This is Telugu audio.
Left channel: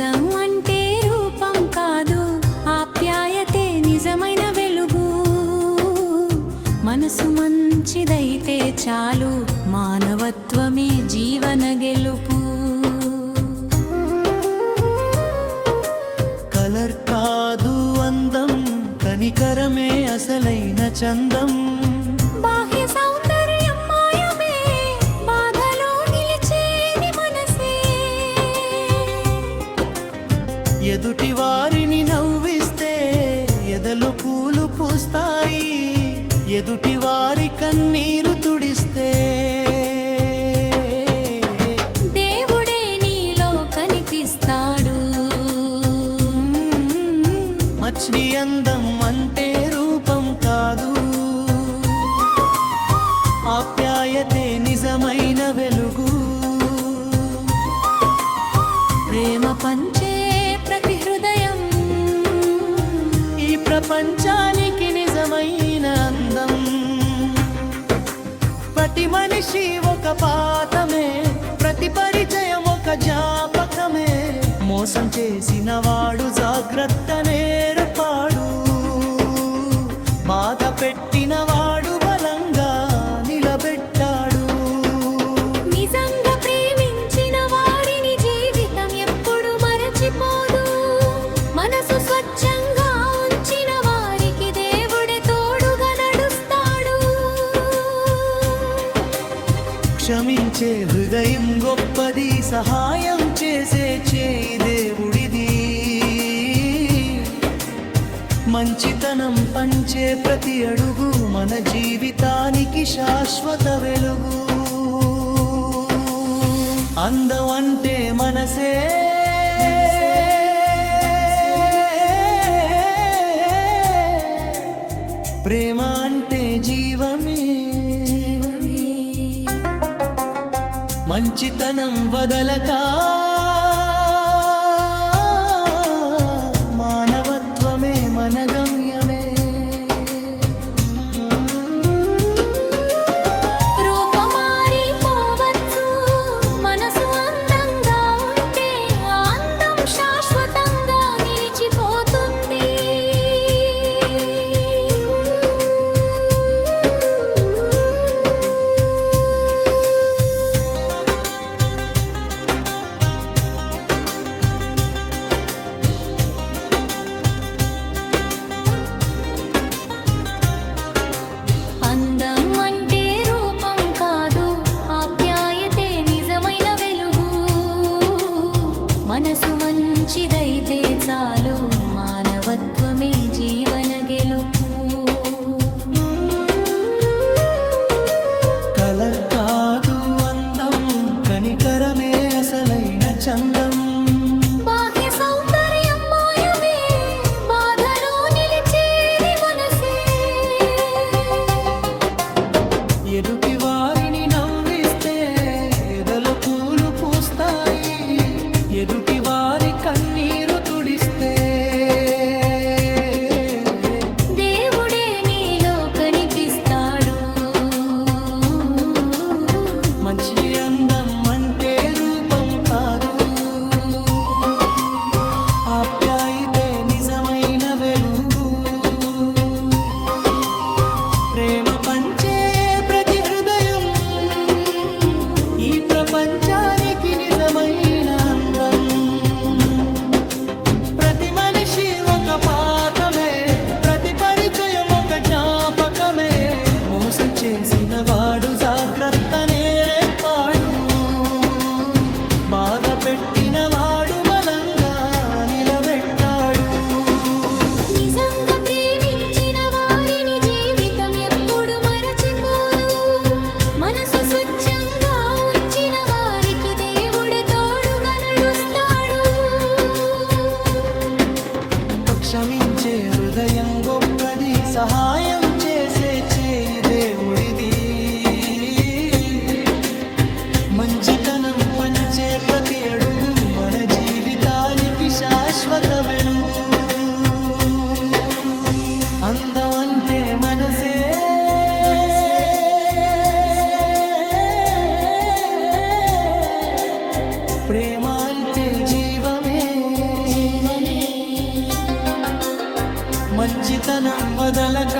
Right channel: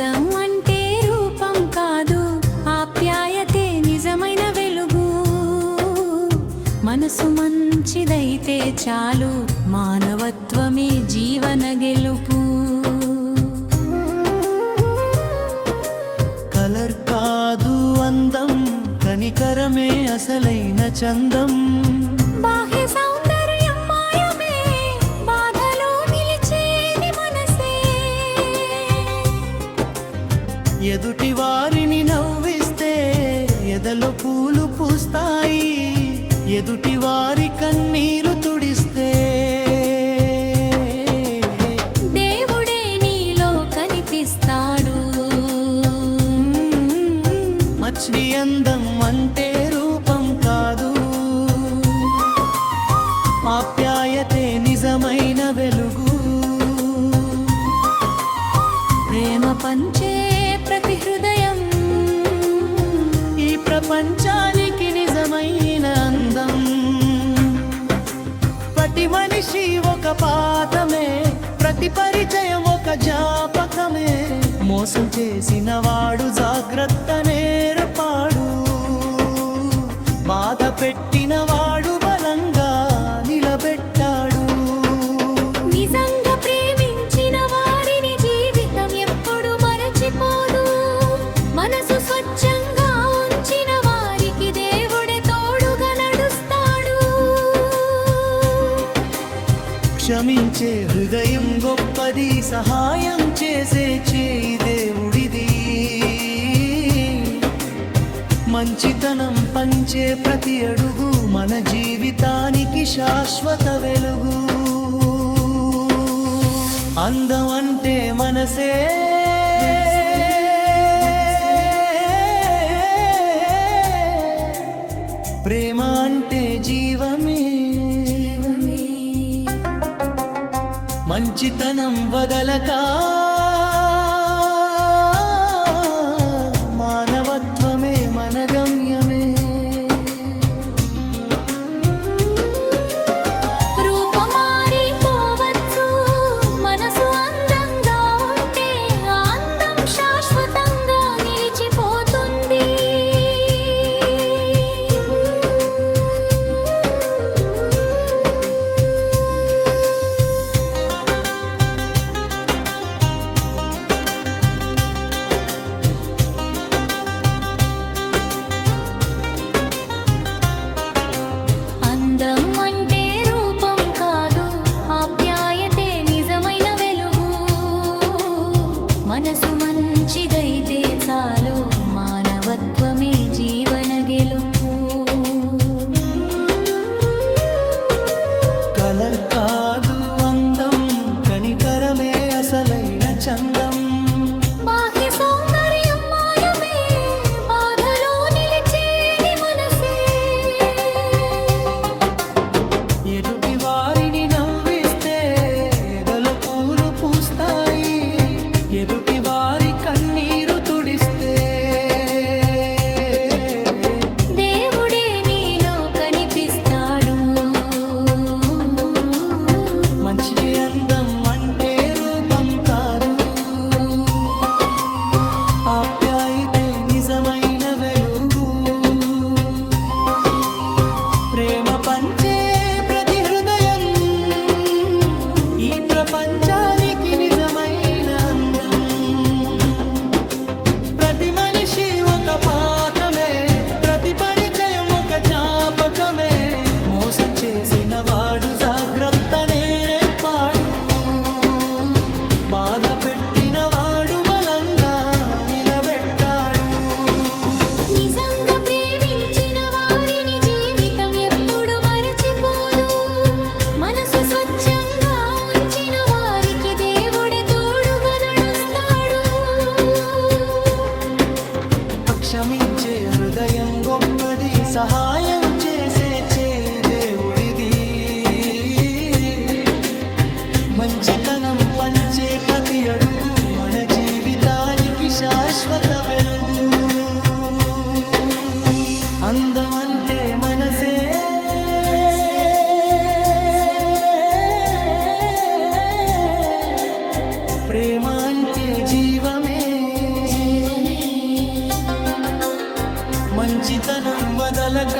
అందం అంటే రూపం కాదు, ఆప్యాయతే నిజమైన వెలుగు. మనసు మంచిదైతే చాలు, మానవత్వమే జీవన గెలుపు. కలర్ కాదు అందం, కనికరమే అసలైన చందం. బాహ్య సౌందర్యం మాయమే, బాధలో నిలిచేది మనసే. ఎదుటి వారిని నవ్విస్తే ఎదలో పూలు పూస్తాయి, ఎదుటి వారి కన్నీరు తుడిస్తే దేవుడే నీలో కనిపిస్తాడు. మచ్చి అందం అంటే రూపం కాదు, ఆప్యాయతే నిజమైన వెలుగు. ప్రేమ పంచే ప్రతి హృదయం ఈ ప్రపంచానికి నిజమైన అందం. ప్రతి మనిషి ఒక పాఠమే, ప్రతి పరిచయం ఒక జ్ఞాపకమే. మోసం చేసిన వాడు జాగ్రత్త నేర్పాడు, బాధ పెట్టిన వాడు బలంగా నిలబెట్టాడు. నిజంగా ప్రేమించిన వారిని జీవితం ఎప్పుడు మరచిపోదు. మనసు స్వచ్ఛంగా ఉంచిన వారికి దేవుడే తోడుగా నడుస్తాడు. క్షమించే హృదయం గొప్పది, సహాయం చేసే చేయి దేవుడిది. మంచితనం పంచే ప్రతి అడుగు మన జీవితానికి శాశ్వత వెలుగు. అందం అంటే మనసే, ప్రేమ అంటే జీవమే. మంచితనం వదలక మానవత్వమే మన గమ్యమే. రూపమారిపోవచ్చు, మనసు అందంగా ఉంటే ఆ అందం శాశ్వతంగా నిలిచిపోతుంది. అందం అంటే రూపం కాదు, ఆప్యాయతే నిజమైన వెలుగు. మనసు మంచిదైతే చాలు, మానవత్వమే జీవన గెలుపు. కలర్ కాదు అందం, కనికరమే అసలైన చందం. బాహ్య సౌందర్యం మాయమే, బాధలో నిలిచేది మనసే. ఎదుటి వారిని నవ్విస్తే ఎదలో పూలు పూస్తాయి, ఎదుటి వారి కన్నీరు తుడిస్తే దేవుడే నీలో కనిపిస్తాడు. మంచి అందం అంటే రూపం కాదు, ఆప్యాయతే నిజమైన వెలుగు. ప్రేమ పంచే ప్రతి హృదయం ఈ ప్రపంచానికి నిజమైన అందం. ప్రతి మనిషి ఒక పాఠమే, ప్రతి పరిచయం ఒక జ్ఞాపకమే. మోసం చేసిన వాడు జాగ్రత్త నేర్పాడు, బాధ పెట్టిన వాడు బలంగా నిలబెట్టాడు. నిజంగా ప్రేమించిన వారిని జీవితం ఎప్పుడు మరచిపోదు. మనసు స్వచ్ఛంగా ఉంచిన వారికి దేవుడే తోడుగా నడుస్తాడు. క్షమించే హృదయం గొప్పది, సహాయం చేసే చేయి దేవుడిది. మంచితనం పంచే ప్రతి అడుగు మన జీవితానికి శాశ్వత వెలుగు. అందం అంటే మనసే, ప్రేమ అంటే జీవమే మంచితనం వదలక